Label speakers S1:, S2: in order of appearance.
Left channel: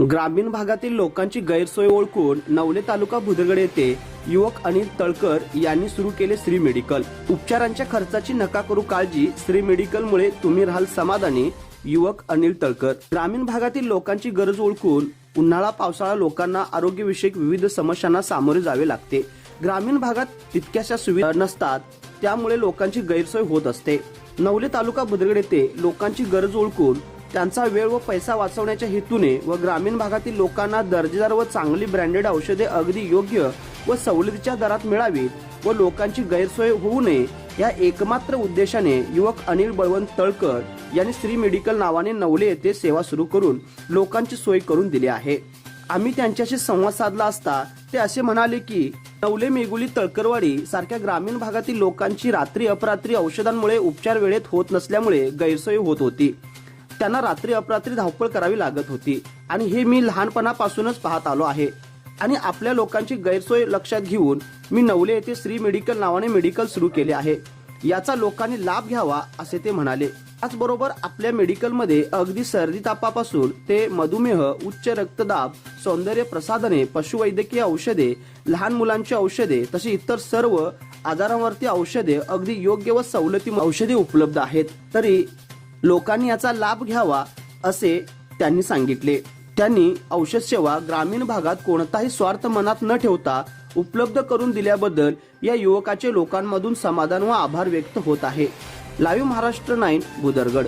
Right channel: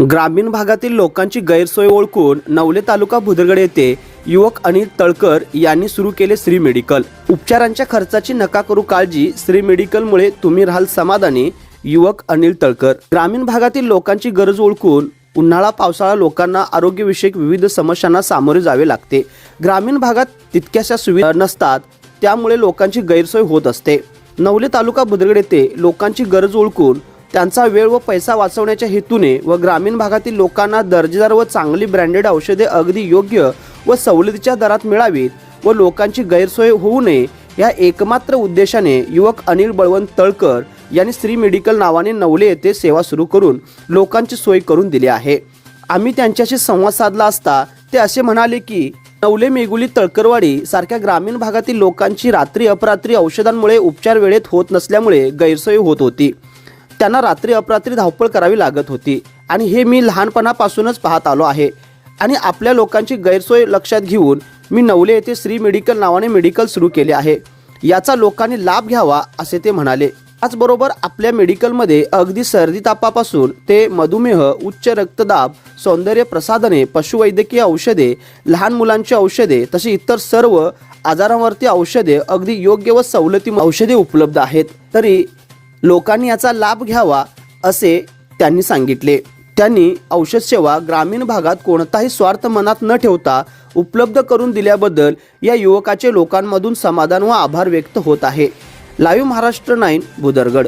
S1: ग्रामीण भागातील लोकांची गैरसोय ओळखून नवले तालुका भुदरगड येथे युवक अनिल तळकर यांनी सुरू केले श्री मेडिकल. उपचारांच्या खर्चाची नका करू काळजी श्री मेडिकलमुळे तुम्ही राहाल समाधानी युवक अनिल तळकर. ग्रामीण भागातील लोकांची गरज ओळखून उन्हाळा पावसाळा लोकांना आरोग्यविषयक विविध समस्यांना सामोरे जावे लागते. ग्रामीण भागात तितक्याशा सुविधा नसतात त्यामुळे लोकांची गैरसोय होत असते. नवले तालुका भुदरगड येथे लोकांची गरज ओळखून त्यांचा वेळ व पैसा वाचवण्याच्या हेतूने व ग्रामीण भागातील लोकांना दर्जेदार व चांगली ब्रँडेड औषधे अगदी योग्य व सवलतीच्या दरात मिळावीत व लोकांची गैरसोय होऊ नये या एकमात्र उद्देशाने युवक अनिल बळवंत तळकर यांनी श्री मेडिकल नावाने नवले येथे सेवा सुरू करून लोकांची सोय करून दिली आहे. आम्ही त्यांच्याशी संवाद साधला असता ते असे म्हणाले की नवले मेगुली तळकरवाडी सारख्या ग्रामीण भागातील लोकांची रात्री अपरात्री औषधांमुळे उपचार वेळेत होत नसल्यामुळे गैरसोय होत होती. त्यांना रात्री अपरात्री धावपळ करावी लागत होती. आणि हे मी लहानपणापासूनच पाहत आलो आहे. आणि आपल्या लोकांची गैरसोय लक्षात घेऊन मी नवले येथे श्री मेडिकल नावाने मेडिकल सुरू केले आहे. याचा लोकांनी लाभ घ्यावा असे ते म्हणाले. त्याचबरोबर आपल्या मेडिकलमध्ये अगदी सर्दी तापापासून ते मधुमेह उच्च रक्तदाब सौंदर्य प्रसाधने पशुवैद्यकीय औषधे लहान मुलांची औषधे तसे इतर सर्व आजारांवरती औषधे अगदी योग्य व सवलती औषधे उपलब्ध आहेत. तरी लोकांनी याचा लाभ घ्यावा असे त्यांनी सांगितले. त्यांनी औषध सेवा ग्रामीण भागात कोणताही स्वार्थ मनात न ठेवता उपलब्ध करून दिल्याबद्दल या युवकाचे लोकांमधून समाधान व आभार व्यक्त होत आहे. Live Maharashtra nine Bhudargad